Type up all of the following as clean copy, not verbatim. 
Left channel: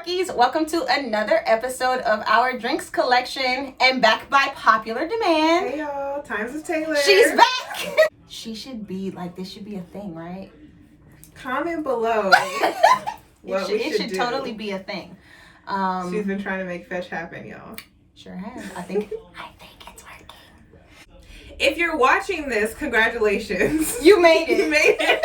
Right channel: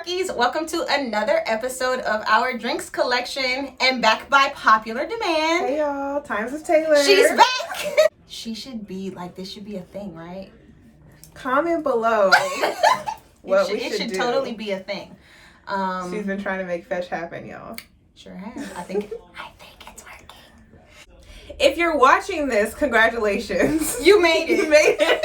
Sparkies, welcome to another episode of our drinks collection and back by popular demand. Hey y'all, Times with Taylor. She's back. She should be like, this should be a thing, right? Comment below what it should totally be a thing. She's been trying to make fetch happen, y'all. Sure has. I think it's working. If you're watching this, congratulations. You made it. You made it.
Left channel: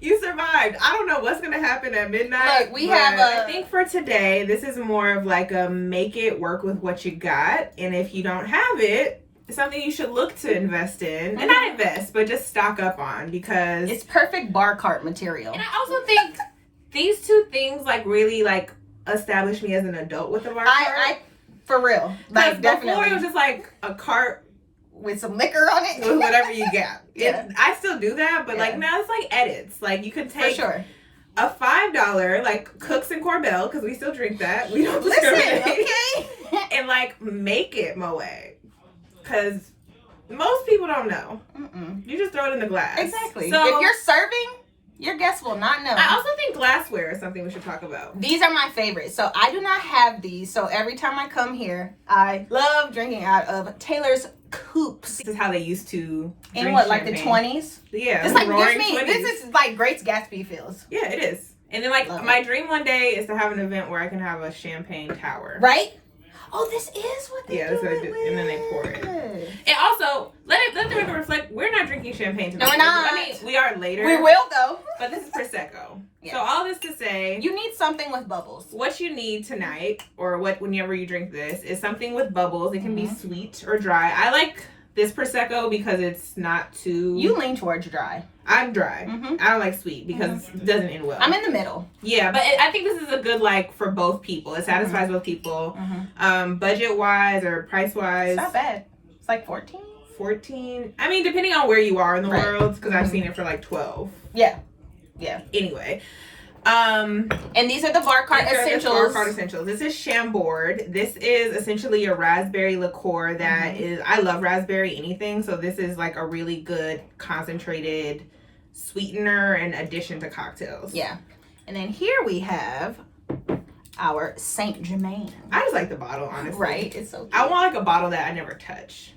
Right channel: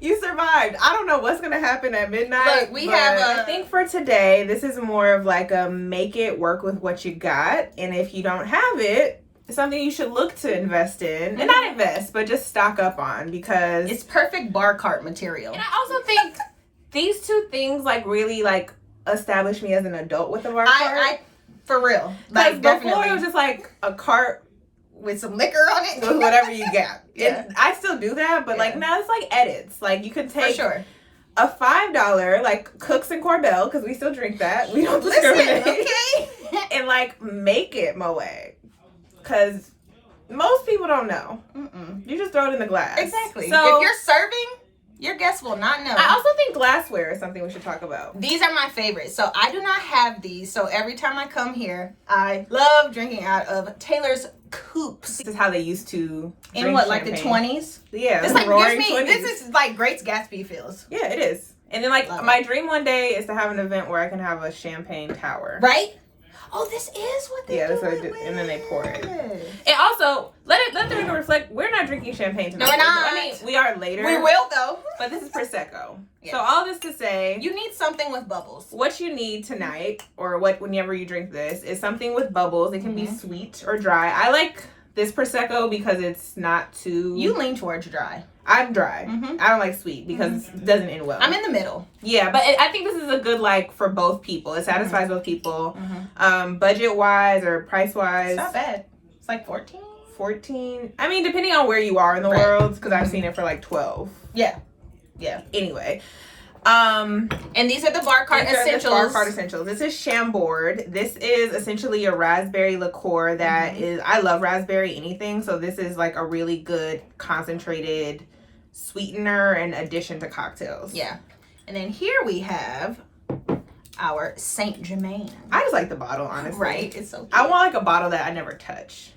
You survived. I don't know what's going to happen at midnight. Look, I think for today, this is more of like a make it work with what you got. And if you don't have it, it's something you should look to invest in. And not invest, but just stock up on, because it's perfect bar cart material. And I also think these two things like really like establish me as an adult with a bar cart. I for real. Like definitely. Before it was just like a cart with some liquor on it. With whatever you got. Yeah. I still do that, but like now it's like edits. Like you could take for sure a $5 like Cooks and Corbel, because we still drink that. We don't listen, okay? And like make it Moe. Because most people don't know. You just throw it in the glass. Exactly. So, if you're serving, your guests will not know. I also think glassware is something we should talk about. These are my favorites. So I do not have these. So every time I come here, I love drinking out of Taylor's coupes. This is how they used to in what, like the 20s? Yeah. It's like gives me 20s. This is like Great Gatsby feels. Yeah, it is. And then like love my dream one day is to have an event where I can have a champagne tower. Right? Oh, this is what they do. That's what and then they pour it. And also, let the record reflect, we're not drinking champagne tonight. No, we're not. I mean, we are later. We will though. But this is Prosecco. Yeah. So all this to say, you need something with bubbles. What you need tonight, or whenever you drink this, is something with bubbles. It can be sweet or dry. I like this Prosecco because it's not too... You lean towards dry. I'm dry. I don't like sweet because it doesn't end well. I'm in the middle. Yeah, but I think this is a good, like, for both people. It satisfies both people. Budget-wise or price-wise. It's not bad. It's like 14? 14. I mean, depending on where you are in the world, because I've seen it for like 12. Yeah. Anyway. And these are the bar cart essentials. This is Chambord. This is essentially a raspberry liqueur that is, I love raspberry anything. So this is like a really good concentrated sweetener and addition to cocktails. Yeah. And then here we have our Saint Germain. I just like the bottle, honestly. Right. It's so cute. I want like a bottle that I never touch.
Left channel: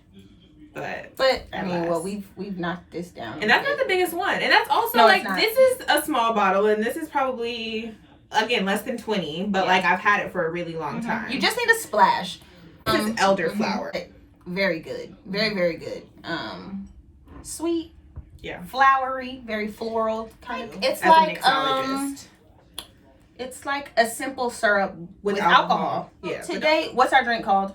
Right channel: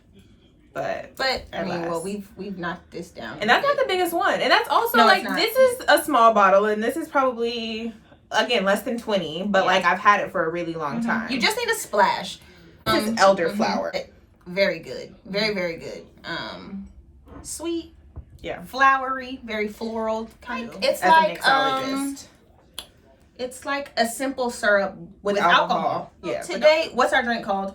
But I mean, well, we've knocked this down. And that's not the biggest one. And that's also like, this is a small bottle, and this is probably, again, less than 20, but like I've had it for a really long time. You just need a splash. This is elderflower. Very good. Very, very good. Sweet. Yeah. Flowery, very floral kind of. It's like a simple syrup with alcohol. Yeah. Today, what's our drink called?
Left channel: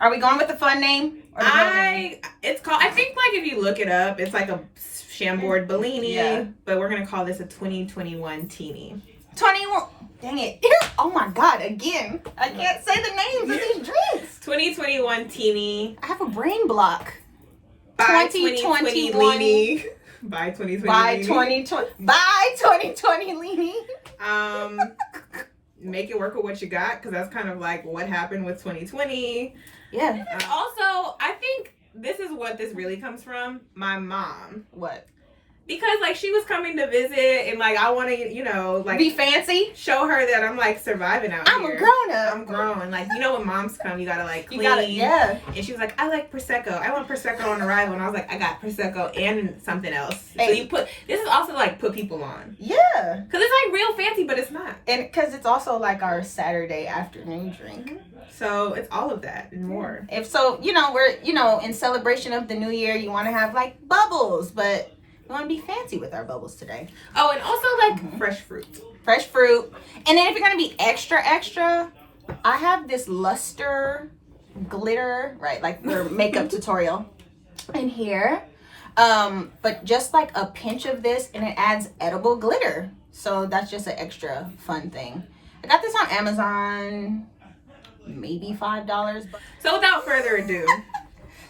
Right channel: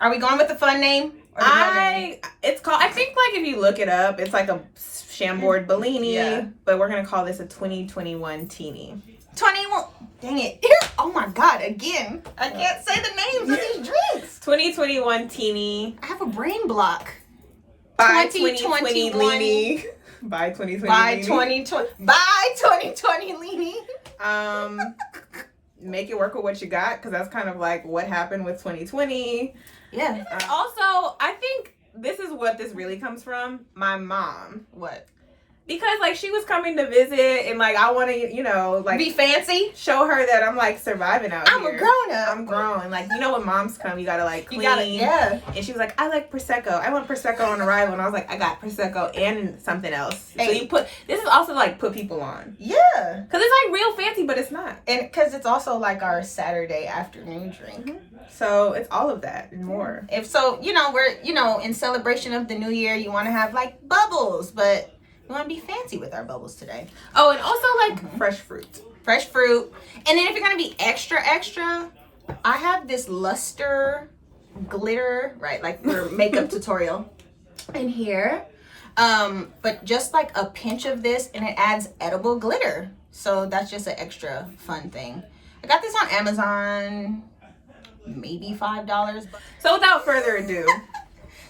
Are we going with the fun name? It's called, I think like if you look it up, it's like a Chambord Bellini. Yeah. But we're going to call this a 2021 Teeny. 21. Dang it. Oh my God. Again. I can't say the names of these drinks. 2021 Teeny. I have a brain block. By 2020 By 2020. By 2020. By 2020 Leany. Make it work with what you got, because that's kind of like what happened with 2020. Yeah. Also, I think this is what this really comes from. My mom. What? Because like she was coming to visit, and like I want to, you know, like be fancy, show her that I'm like surviving out here. I'm a grown up. I'm grown. Like, you know, when moms come, you gotta like clean. You gotta, yeah. And she was like, I like Prosecco. I want Prosecco on arrival. And I was like, I got Prosecco and something else. Hey. So you put, this is also like put people on. Yeah. Because it's like real fancy, but it's not. And because it's also like our Saturday afternoon drink. So it's all of that and more. If so, you know, we're, you know, in celebration of the new year, you want to have like bubbles, but we want to be fancy with our bubbles today. Oh, and also like fresh fruit. Fresh fruit. And then if you're going to be extra, I have this luster glitter, right? Like we're makeup tutorial in here. But just like a pinch of this, and it adds edible glitter. So that's just an extra fun thing. I got this on Amazon, maybe $5. So without further ado.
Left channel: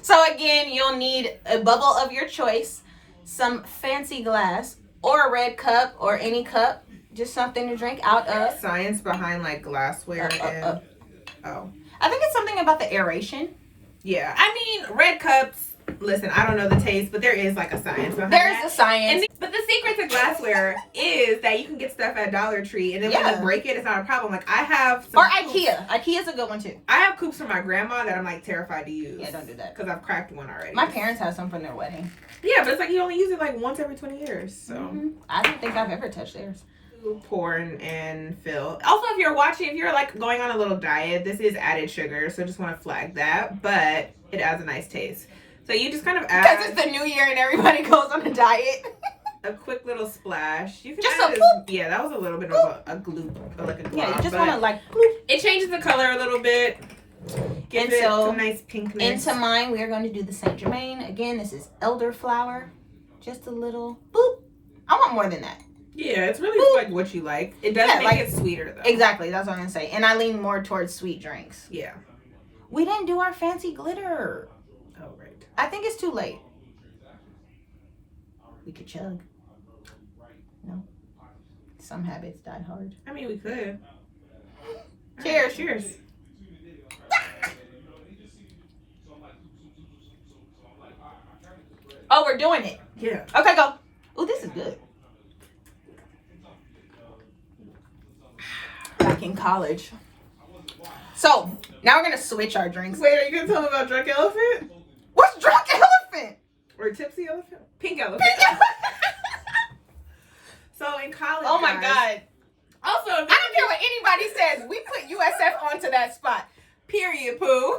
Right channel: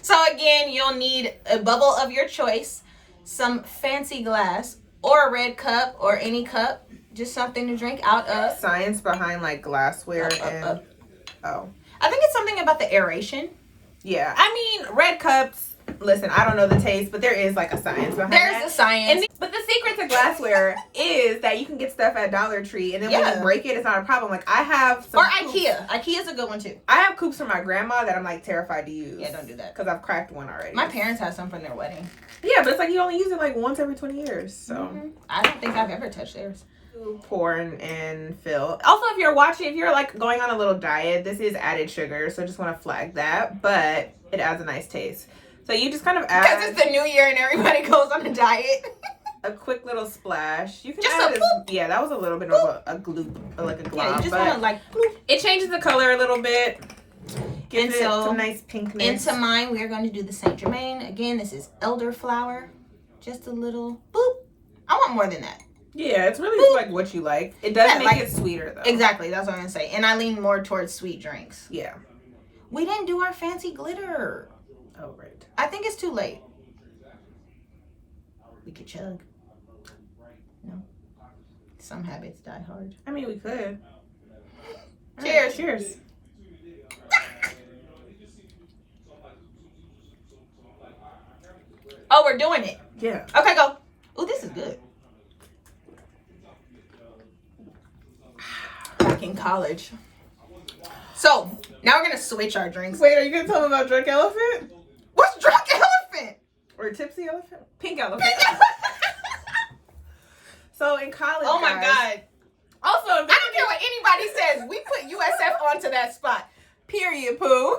So again, you'll need a bubble of your choice, some fancy glass, or a red cup, or any cup, just something to drink out of. Science behind like glassware I think it's something about the aeration. Yeah, I mean, red cups, Listen, I don't know the taste, but there is like a science behind There's that. a science. But the secret to glassware is that you can get stuff at Dollar Tree, and then when you break it, it's not a problem. Like I have some IKEA. IKEA's a good one too. I have coops from my grandma that I'm like terrified to use. Yeah, don't do that. Because I've cracked one already. My parents have some from their wedding. Yeah, but it's like you only use it like once every 20 years. So I don't think I've ever touched theirs. Pour and fill. Also, if you're like going on a little diet, this is added sugar, so just want to flag that. But it adds a nice taste. So you just kind of add, because it's the new year and everybody goes on a diet. A quick little splash. You can just add a bloop. Yeah, that was a little bit of a gloop, like a glob. Yeah, you just want to like bloop. It changes the color a little bit. Gives it some nice pinkness. Into mine, we are going to do the Saint Germain. Again, this is elderflower. Just a little boop. I want more than that. Yeah, it's really like what you like. It does make it sweeter though. Exactly, that's what I'm gonna say. And I lean more towards sweet drinks. Yeah. We didn't do our fancy glitter. Oh right. I think it's too late. We could chug. No. Some habits die hard. I mean, we could. Cheers. Right, cheers. Oh, we're doing it. Yeah. Okay, go. Ooh, this is good. Back in college. So, now we're going to switch our drinks. Wait, are you going to tell me about Drunk Elephant? What's Drunk Elephant? Or Tipsy Elephant? Pink Elephant. So, in college, oh my God. Also, I don't care what anybody says. We put USF onto that spot. Period, poo.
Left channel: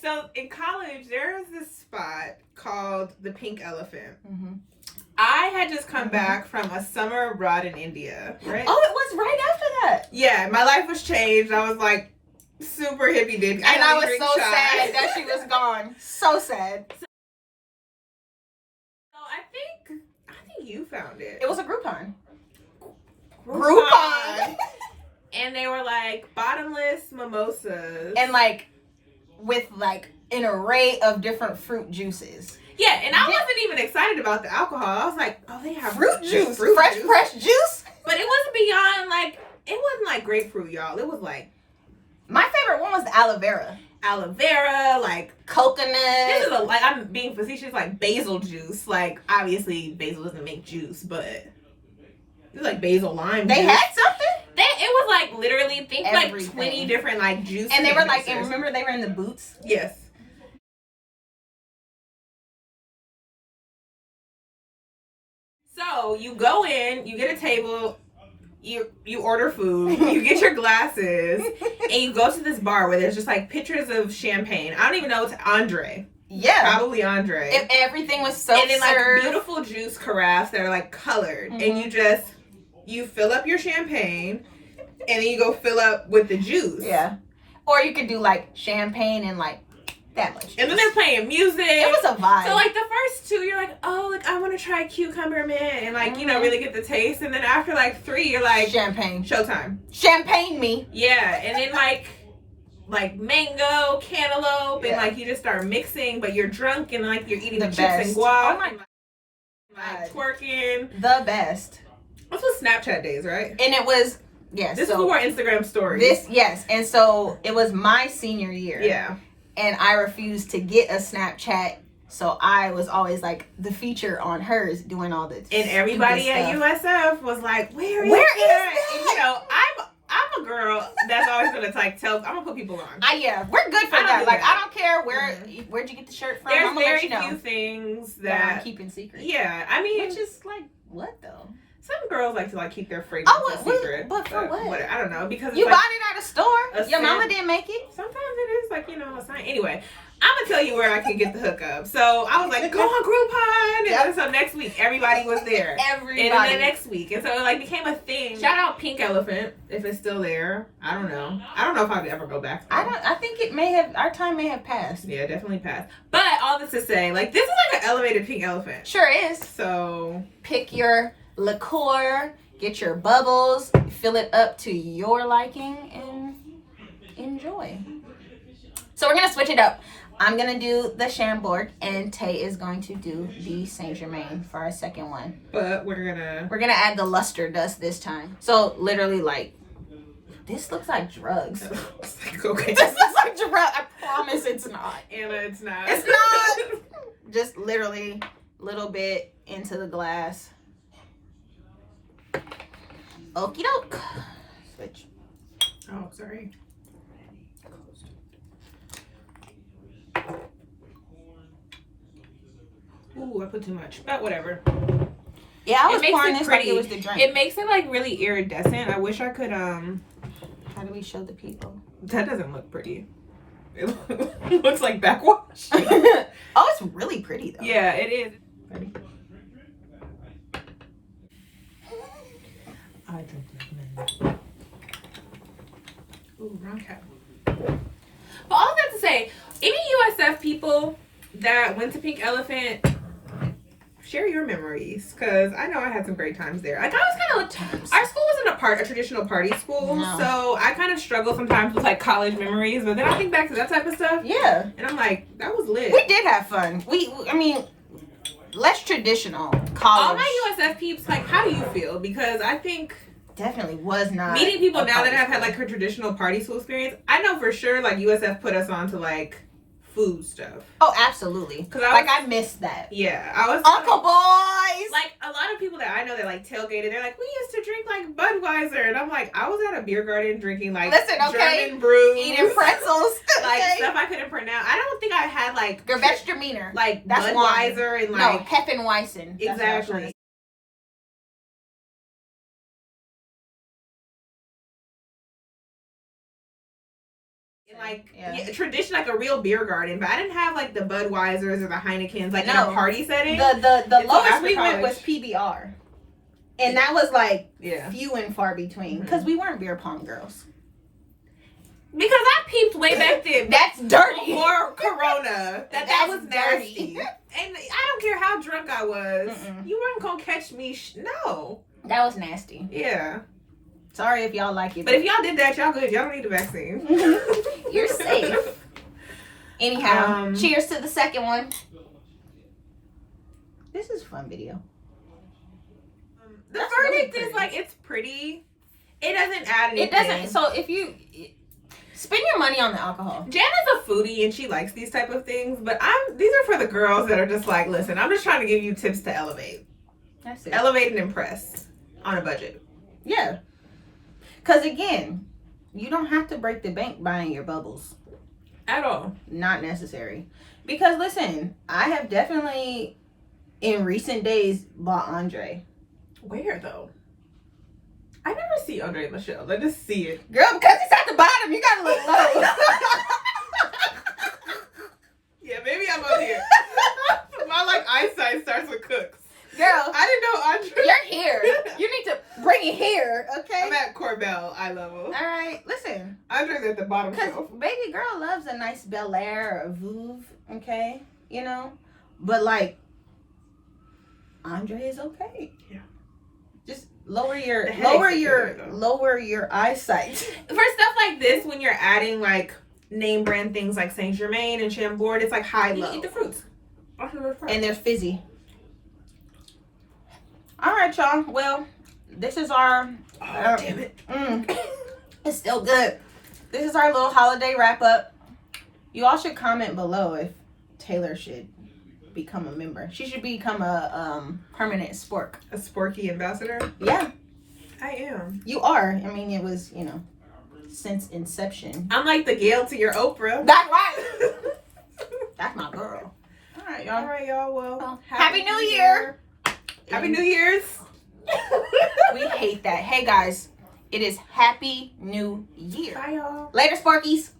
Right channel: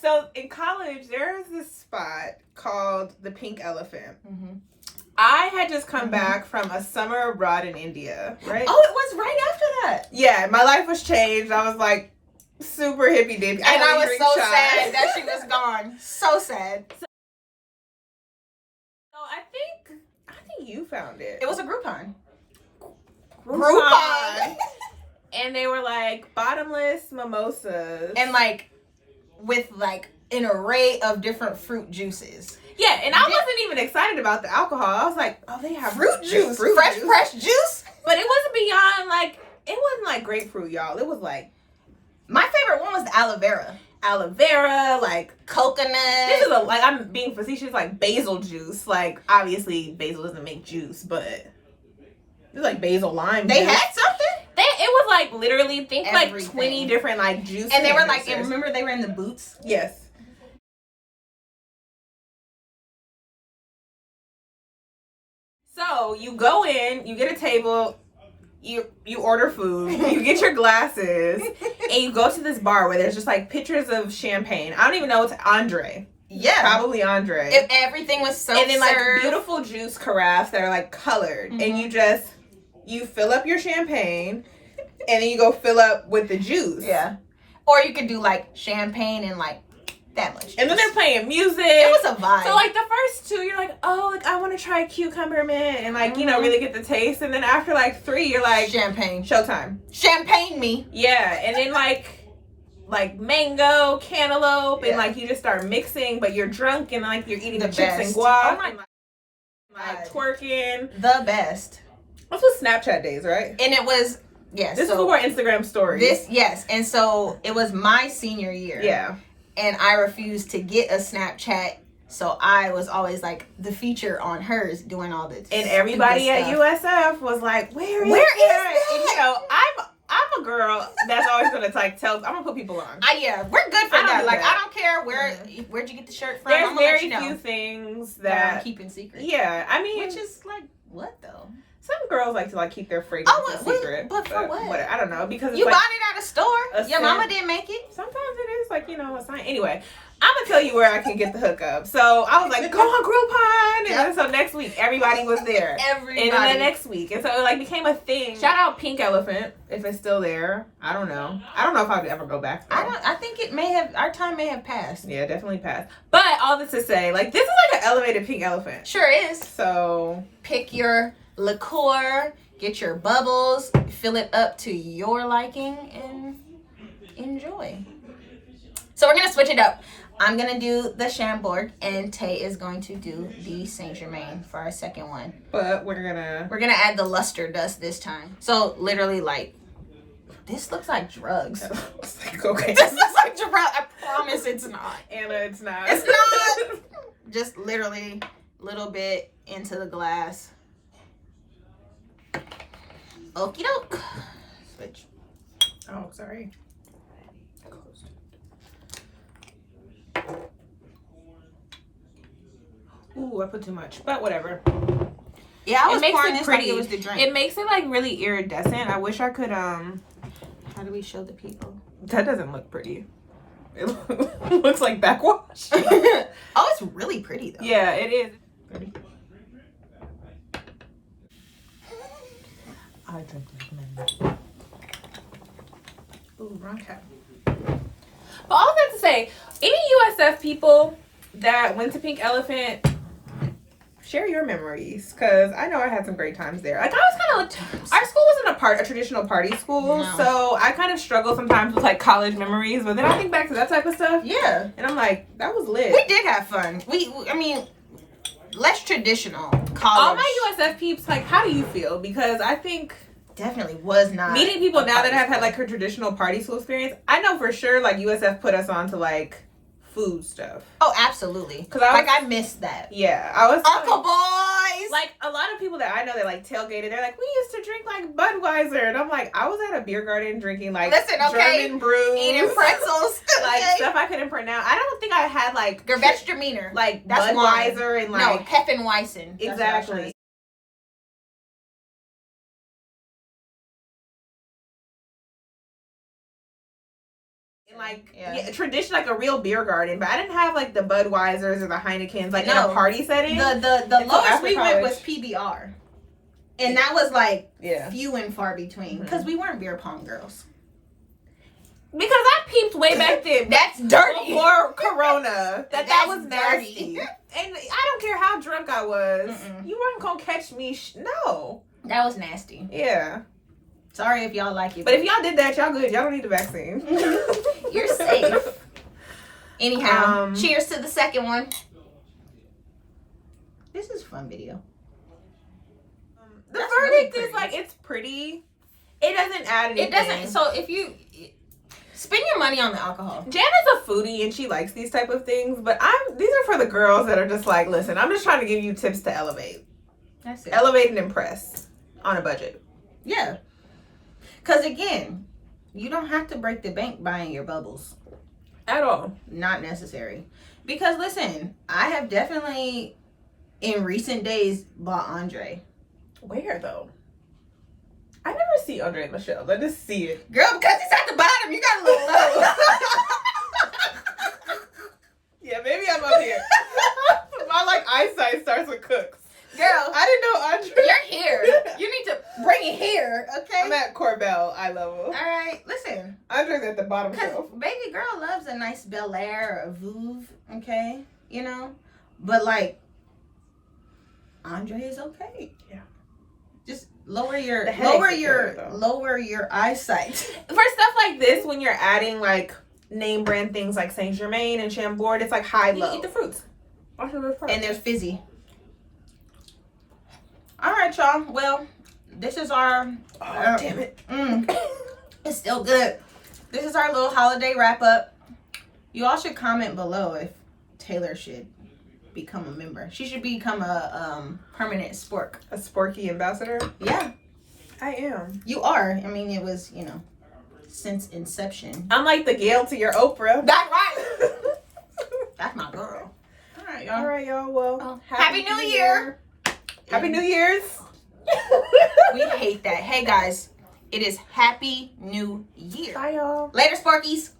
So, in college, there's this spot called the Pink Elephant. Mm-hmm. I had just come back from a summer abroad in India, right? Oh, it was right after that. Yeah, my life was changed. I was like super hippie dippy. And I was so sad that she was gone. So sad. So I think you found it. It was a Groupon. Groupon. And they were like bottomless mimosas. And like with like an array of different fruit juices. Yeah, and I wasn't even excited about the alcohol. I was like, oh, they have fruit juice. Fresh juice. But it wasn't beyond like, it wasn't like grapefruit, y'all. It was like. My favorite one was the aloe vera. Aloe vera, like coconut. This is like, I'm being facetious, like basil juice. Like, obviously, basil doesn't make juice, but it's like basil lime They juice. had something? It was like literally, think everything. Like 20 different like juices. And they were like, and remember they were in the boots? Yes. So you go in, you get a table, you order food, you get your glasses, and you go to this bar where there's just like pictures of champagne. I don't even know, it's Andre. Yeah. Probably Andre. If everything was so and then like beautiful juice carafes that are like colored. Mm-hmm. And you fill up your champagne and then you go fill up with the juice. Yeah. Or you could do like champagne and like that much juice. And then they're playing music. It was a vibe. So like the first two, you're like, oh, like I want to try cucumber man, and like, you know, really get the taste. And then after like 3, you're like, champagne. Showtime. Champagne me. Yeah. And then like mango, cantaloupe, and like you just start mixing, but you're drunk and like you're eating the chips and guac. Oh my God. Twerking. The best. This was Snapchat days, right? And it was, yes. This is more Instagram stories. This, yes. And so it was my senior year. Yeah. And I refused to get a Snapchat. So I was always like the feature on hers doing all this. And everybody at USF was like, where is that? And, you know, I'm a girl that's always gonna like tell. I'm gonna put people on. Yeah, we're good for that. Like I don't care where'd you get the shirt from. There's I'm gonna let you know. few things that I'm keeping secret. Yeah, I mean, which is like what though? Some girls like to like keep their fragrance secret. But for what? I don't know, because you bought it at a store. Your mama didn't make it. Sometimes it is like, you know, a sign. Anyway, I'm gonna tell you where I can get the hookup. So I was like, go on Groupon. And so next week everybody was there. Everybody. And then the next week, and so it like became a thing. Shout out Pink Elephant if it's still there. I don't know. I don't know if I'd ever go back there. I think it may have. Our time may have passed. Yeah, definitely passed. But all this to say, like this is like an elevated Pink Elephant. Sure is. So pick your liqueur. Get your bubbles, fill it up to your liking, and enjoy. So we're gonna switch it up. I'm gonna do the Chambord, and Tay is going to do the Saint Germain for our second one. But we're gonna add the luster dust this time. So literally like This looks like drugs. It's like, okay. This looks like drugs. I promise it's not. Anna, it's not. It's not. Just literally a little bit into the glass. Okie doke. Switch. Oh, sorry. Ooh, I put too much, but whatever. Yeah, I was makes pouring it this like pretty. it was the drink. It makes it like really iridescent. I wish I could How do we show the people? That doesn't look pretty. It looks like backwash. Oh, it's really pretty though. Yeah, it is. Ready? I drink like men. Ooh, wrong cap. But all that to say, any USF people that went to Pink Elephant, share your memories, because I know I had some great times there. Like, I was kind of, our school wasn't a traditional party school, No. so I kind of struggle sometimes with like college memories, but then I think back to that type of stuff. Yeah. And I'm like, that was lit. We did have fun. I mean, less traditional college. All my USF peeps, like, how do you feel? Because I think definitely was not meeting people a now party that have had school. like her traditional party school experience, I know for sure like USF put us on to like food stuff. Oh, absolutely. Because I missed that. Yeah, I was Uncle Boys. like a lot of people that I know that like tailgated. They're like, we used to drink like Budweiser, and I'm like, I was at a beer garden drinking like German brews, eating pretzels, like okay. stuff I couldn't pronounce. I don't think I had like Gewürztraminer. like That's Budweiser wine. and No, like Hefeweizen. That's what I was trying to exactly. say. Like Yeah. tradition, like a real beer garden, but I didn't have like the Budweisers or the Heinekens like in No. a party setting. The Until lowest after we went college. was PBR, and that was like Yeah, few and far between because we weren't beer pong girls. because I peeped way back then. That's dirty. Before Corona, that That's was dirty. nasty. And I don't care how drunk I was, Mm-mm. you weren't gonna catch me. No. That was nasty. Yeah. Sorry if y'all like it, But if y'all did that, y'all good. Y'all don't need the vaccine. you're safe. Anyhow, cheers to the second one. This is a fun video. The That's verdict really is pretty. like it's pretty. It doesn't add anything. It doesn't. So if you spend your money on the alcohol, Jan is a foodie and she likes these type of things, but these are for the girls that are just like, listen, I'm just trying to give you tips to elevate. that's it. Elevate and impress on a budget. Yeah. Because again, you don't have to break the bank buying your bubbles. At all. Not necessary. Because listen, I have definitely in recent days bought Andre. Where though? I never see Andre and Michelle. I just see it. Girl, because it's at the bottom, you gotta look low. Yeah, maybe I'm up here. My like eyesight starts with cooks. Girl, I didn't know Andre. you're here. You need to bring it here, okay? I'm at Corbell eye level. All right, listen. Andre's at the bottom Because shelf. baby girl loves a nice Bel Air or a Vouv, okay? You know? But like, Andre is okay. Yeah. Just lower your The headaches are there, though. lower your eyesight. For stuff like this, when you're adding like name brand things like Saint Germain and Chambord, it's like high low. You eat the fruits. And they're fizzy. All right, y'all. Well, this is our. damn it. It's still good. This is our little holiday wrap up. You all should comment below if Taylor should become a member. She should become a permanent spork. A Sporky ambassador? Yeah, I am. you are. I mean, it was, since inception. I'm like the Gail to your Oprah. That's right. That's my girl. All right, y'all. All right, y'all. Well, Happy New Year. Happy New Year's. We hate that. Hey, guys, it is Happy New Year. Bye, y'all. Later, Sparkies.